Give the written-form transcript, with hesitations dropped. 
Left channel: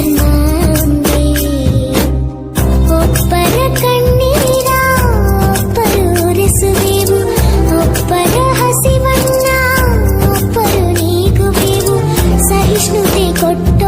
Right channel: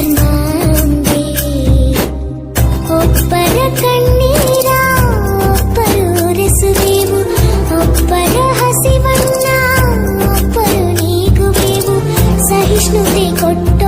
ಧರ್ಮ ಒಂದೇ. ಒಬ್ಬರ ಕಣ್ಣೀರ ಒಬ್ಬರು ಒರೆಸುವೆವು, ಒಬ್ಬರ ಹಸಿವನ್ನ ಒಬ್ಬರು ನೀಗುವೆವು. ಸಹಿಷ್ಣುತೆ ಕೊಟ್ಟು